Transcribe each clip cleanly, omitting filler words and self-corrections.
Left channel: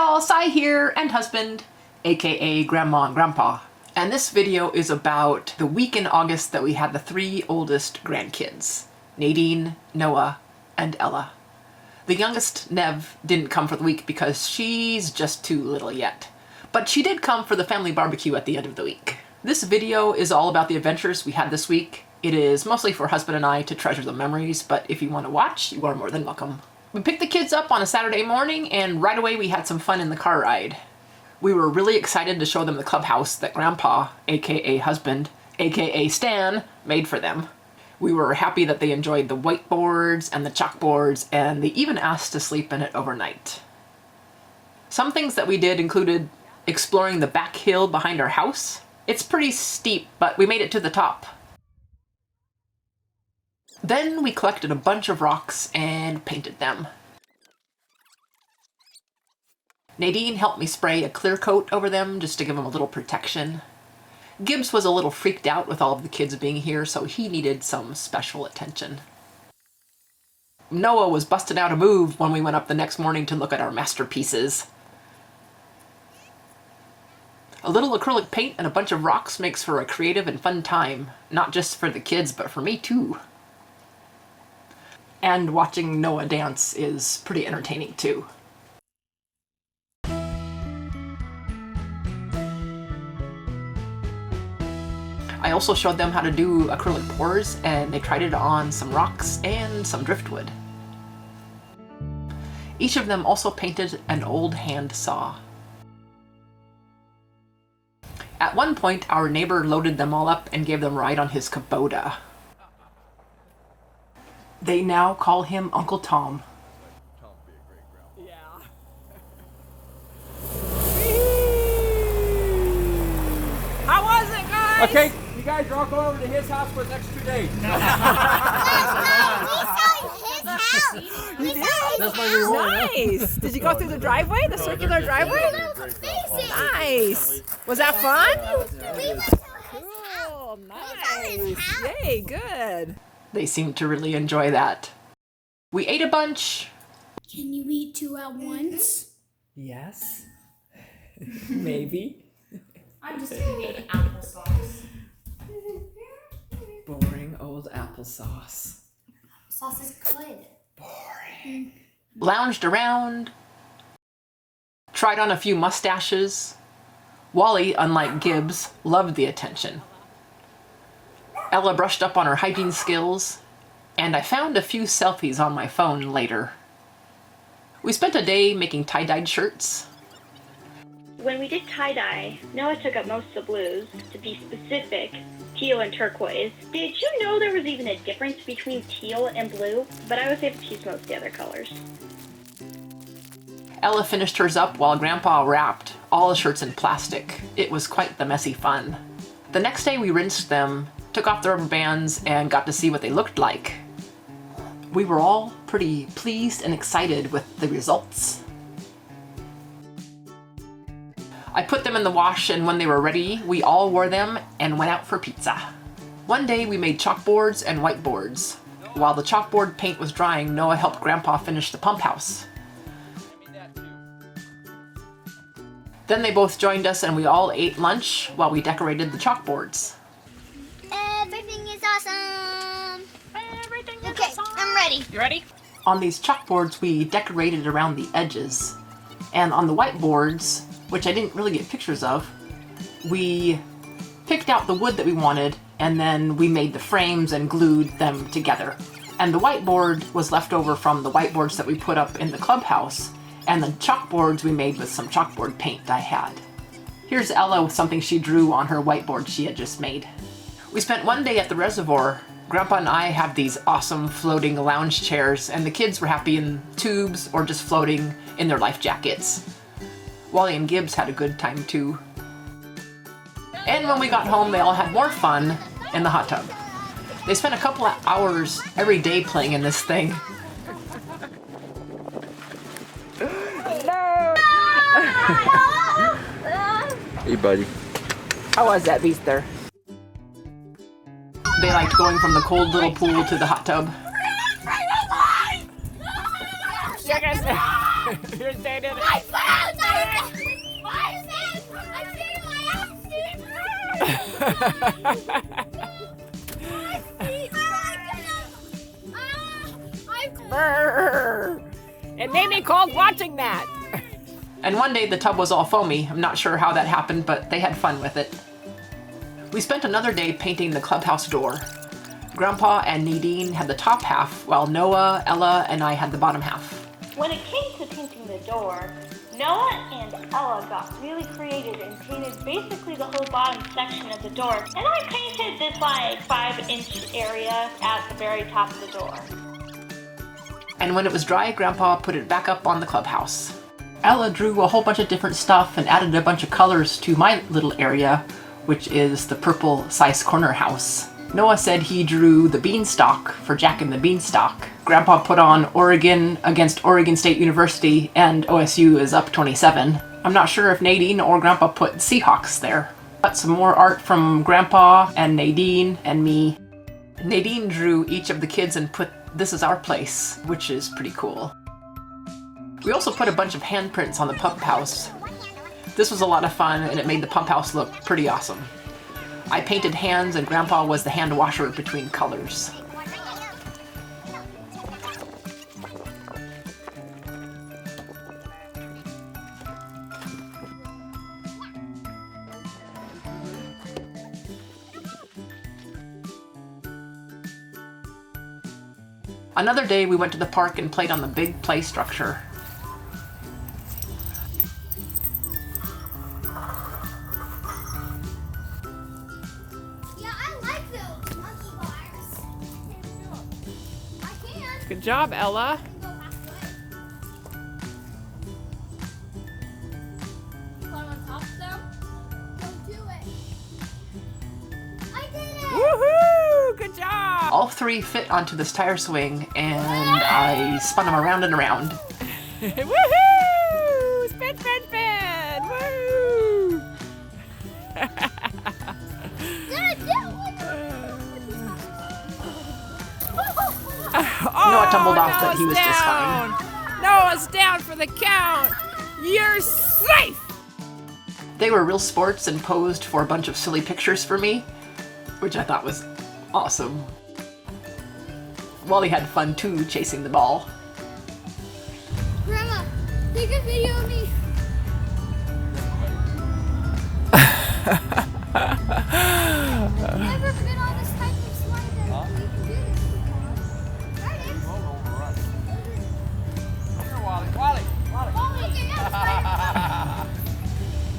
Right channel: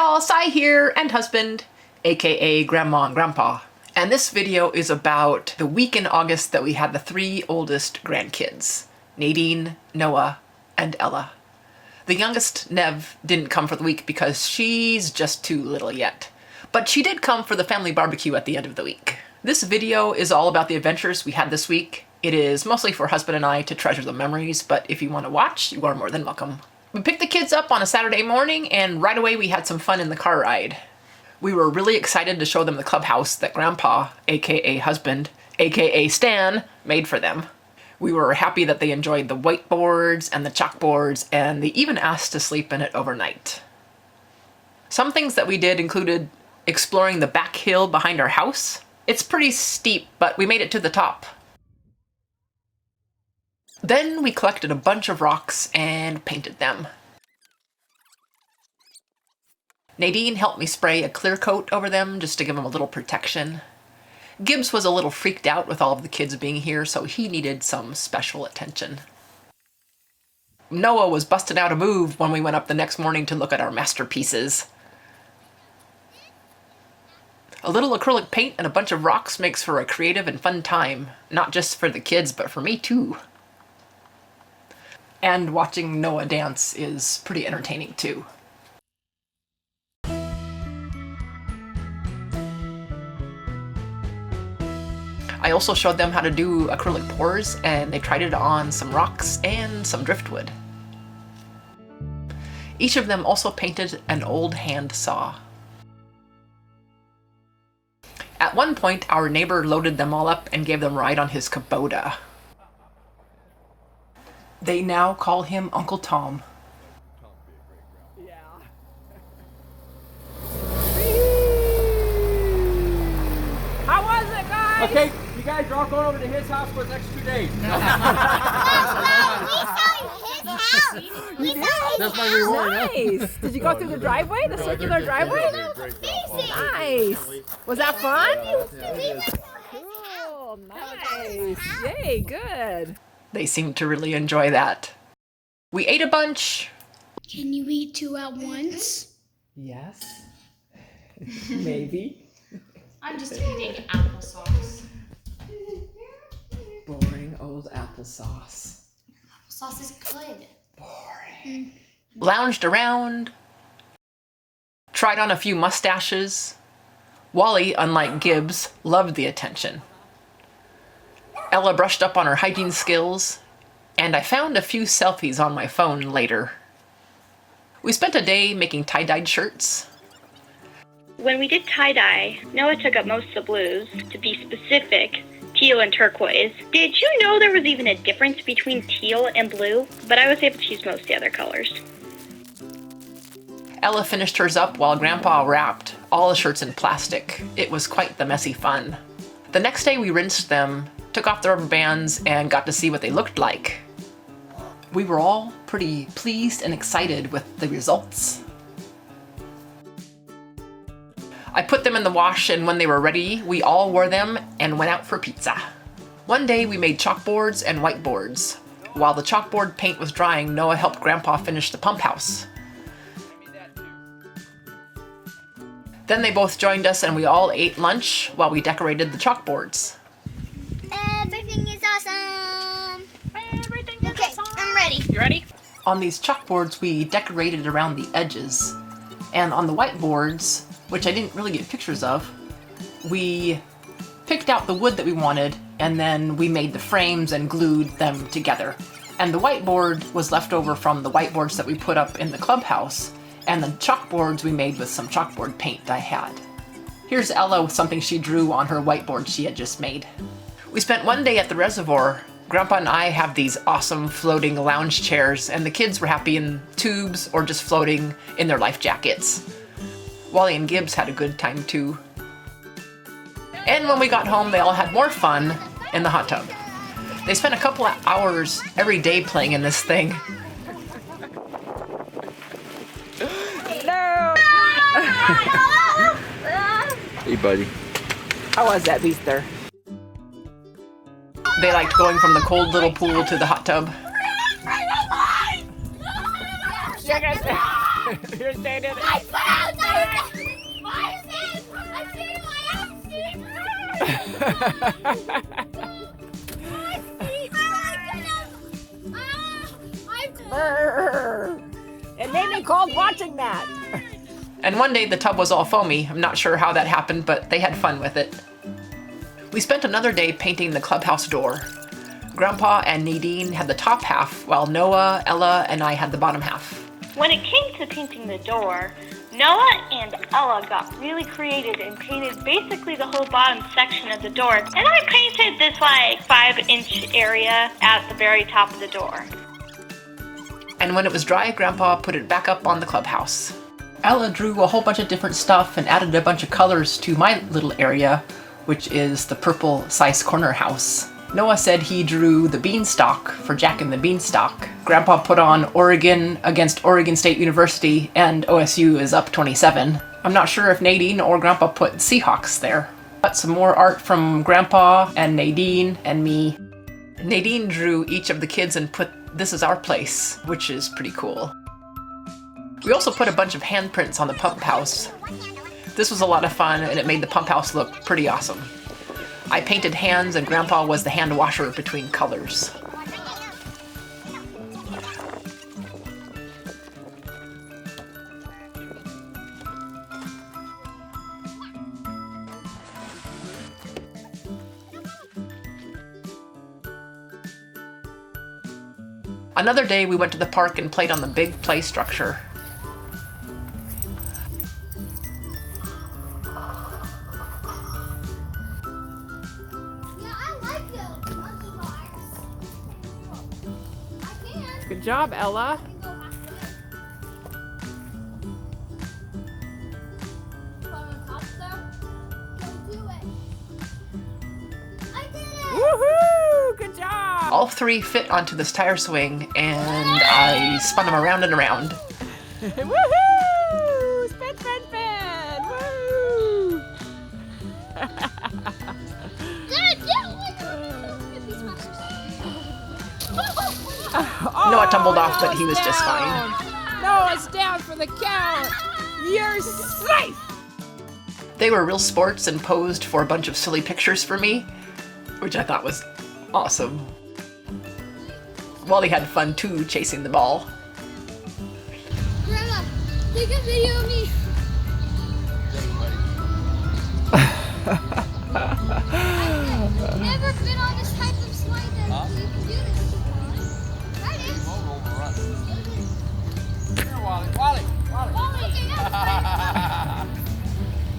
y'all, Sai here, and husband, aka Grandma and Grandpa. And this video is about the week in August that we had the 3 oldest grandkids, Nadine, Noah, and Ella. The youngest, Nev, didn't come for the week because she's just too little yet. But she did come for the family barbecue at the end of the week. This video is all about the adventures we had this week. It is mostly for husband and I to treasure the memories, but if you want to watch, you are more than welcome. We picked the kids up on a Saturday morning, and right away we had some fun in the car ride. We were really excited to show them the clubhouse that Grandpa, aka husband, aka Stan, made for them. We were happy that they enjoyed the whiteboards and the chalkboards, and they even asked to sleep in it overnight. Some things that we did included exploring the back hill behind our house. It's pretty steep, but we made it to the top. Then we collected a bunch of rocks and painted them. Nadine helped me spray a clear coat over them just to give them a little protection. Gibbs was a little freaked out with all of the kids being here, so he needed some special attention. Noah was busting out a move when we went up the next morning to look at our masterpieces. A little acrylic paint and a bunch of rocks makes for a creative and fun time, not just for the kids, but for me too. And watching Noah dance is pretty entertaining too. I also showed them how to do acrylic pours, and they tried it on some rocks and some driftwood. Each of them also painted an old hand saw. At one point, our neighbor loaded them all up and gave them a ride on his Kubota. They now call him Uncle Tom. Yeah. How was it, guys? Okay, you guys are all going over to his house for the next 2 days. We saw his house. We saw his house. Nice. Did you go through the driveway, the circular driveway? Nice. Was that fun? Cool. Nice. Yay, good. They seemed to really enjoy that. We ate a bunch. Can you eat 2 at once? Yes. Maybe. I'm just eating applesauce. Boring old applesauce. Sauce is good. Boring. Lounged around. Tried on a few mustaches. Wally, unlike Gibbs, loved the attention. Ella brushed up on her hygiene skills, and I found a few selfies on my phone later. We spent a day making tie-dyed shirts. When we did tie-dye, Noah took up most of the blues. To be specific, teal and turquoise. Did you know there was even a difference between teal and blue? But I was able to use most of the other colors. Ella finished hers up while Grandpa wrapped all the shirts in plastic. It was quite the messy fun. The next day we rinsed them, took off the rubber bands, and got to see what they looked like. We were all pretty pleased and excited with the results. I put them in the wash, and when they were ready, we all wore them and went out for pizza. One day we made chalkboards and whiteboards. While the chalkboard paint was drying, Noah helped Grandpa finish the pump house. Then they both joined us, and we all ate lunch while we decorated the chalkboards. Everything is awesome. Everything is Okay, awesome. I'm ready. You ready? On these chalkboards, we decorated around the edges. And on the whiteboards, which I didn't really get pictures of, we picked out the wood that we wanted, and then we made the frames and glued them together. And the whiteboard was left over from the whiteboards that we put up in the clubhouse, and the chalkboards we made with some chalkboard paint I had. Here's Ella with something she drew on her whiteboard she had just made. We spent one day at the reservoir. Grandpa and I have these awesome floating lounge chairs, and the kids were happy in tubes or just floating in their life jackets. Wally and Gibbs had a good time too. And when we got home, they all had more fun in the hot tub. They spent a couple of hours every day playing in this thing. Hello. Hey, buddy. How was that, Beaster? They liked going from the cold little pool to the hot tub. You're staying in it. Brr. It made me cold watching that. And one day the tub was all foamy. I'm not sure how that happened, but they had fun with it. We spent another day painting the clubhouse door. Grandpa and Nadine had the top half, while Noah, Ella, and I had the bottom half. When it came to painting the door, Noah and Ella got really creative and painted basically the whole bottom section of the door. And I painted this like 5-inch area at the very top of the door. And when it was dry, Grandpa put it back up on the clubhouse. Ella drew a whole bunch of different stuff and added a bunch of colors to my little area, which is the purple Sice corner house. Noah said he drew the beanstalk for Jack and the Beanstalk. Grandpa put on Oregon against Oregon State University, and OSU is up 27. I'm not sure if Nadine or Grandpa put Seahawks there. Got some more art from Grandpa and Nadine and me. Nadine drew each of the kids and put "This is our place," which is pretty cool. We also put a bunch of handprints on the pump house. This was a lot of fun, and it made the pump house look pretty awesome. I painted hands, and Grandpa was the hand washer between colors. Another day we went to the park and played on the big play structure. Yeah, I like those monkey bars. I can. Good job, Ella. Woohoo! Good job! All three fit onto this tire swing, and I spun them around and around. Woohoo! Spin, spin, spin! Woo! Noah tumbled off, but he was just down. fine. Noah's down for the count. You're safe! They were real sports and posed for a bunch of silly pictures for me, which I thought was awesome. Wally had fun too, chasing the ball. Grandma, take a video of me. I've never been on this type of slide that we can do this. Right in.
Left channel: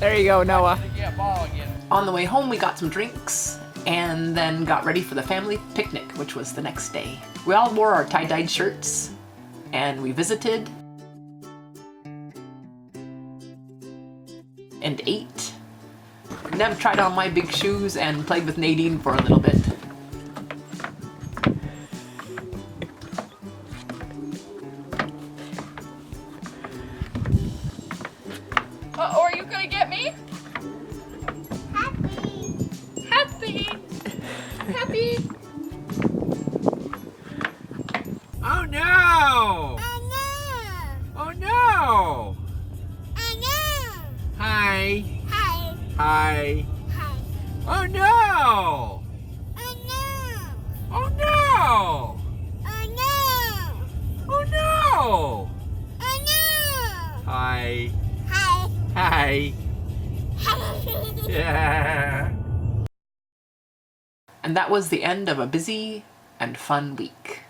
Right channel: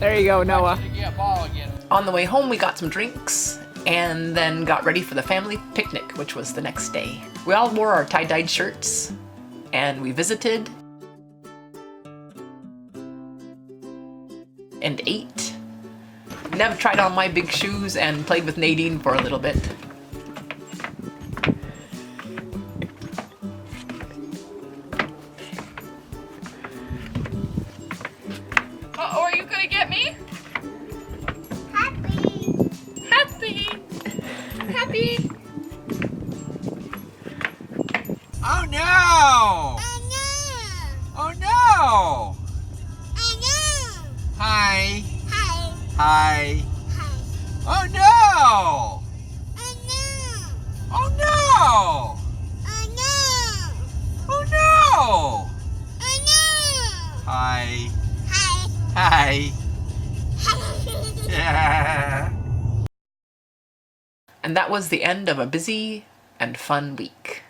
There you go, Noah. On the way home, we got some drinks and then got ready for the family picnic, which was the next day. We all wore our tie-dyed shirts and we visited and ate. Nev tried on my big shoes and played with Nadine for a little bit. Uh-oh, are you gonna get me? Happy! Happy! Oh no! Oh no! Hi. Hi. Oh no! Oh no! Oh no! Hi. Hi. Yeah. And that was the end of a busy and fun week.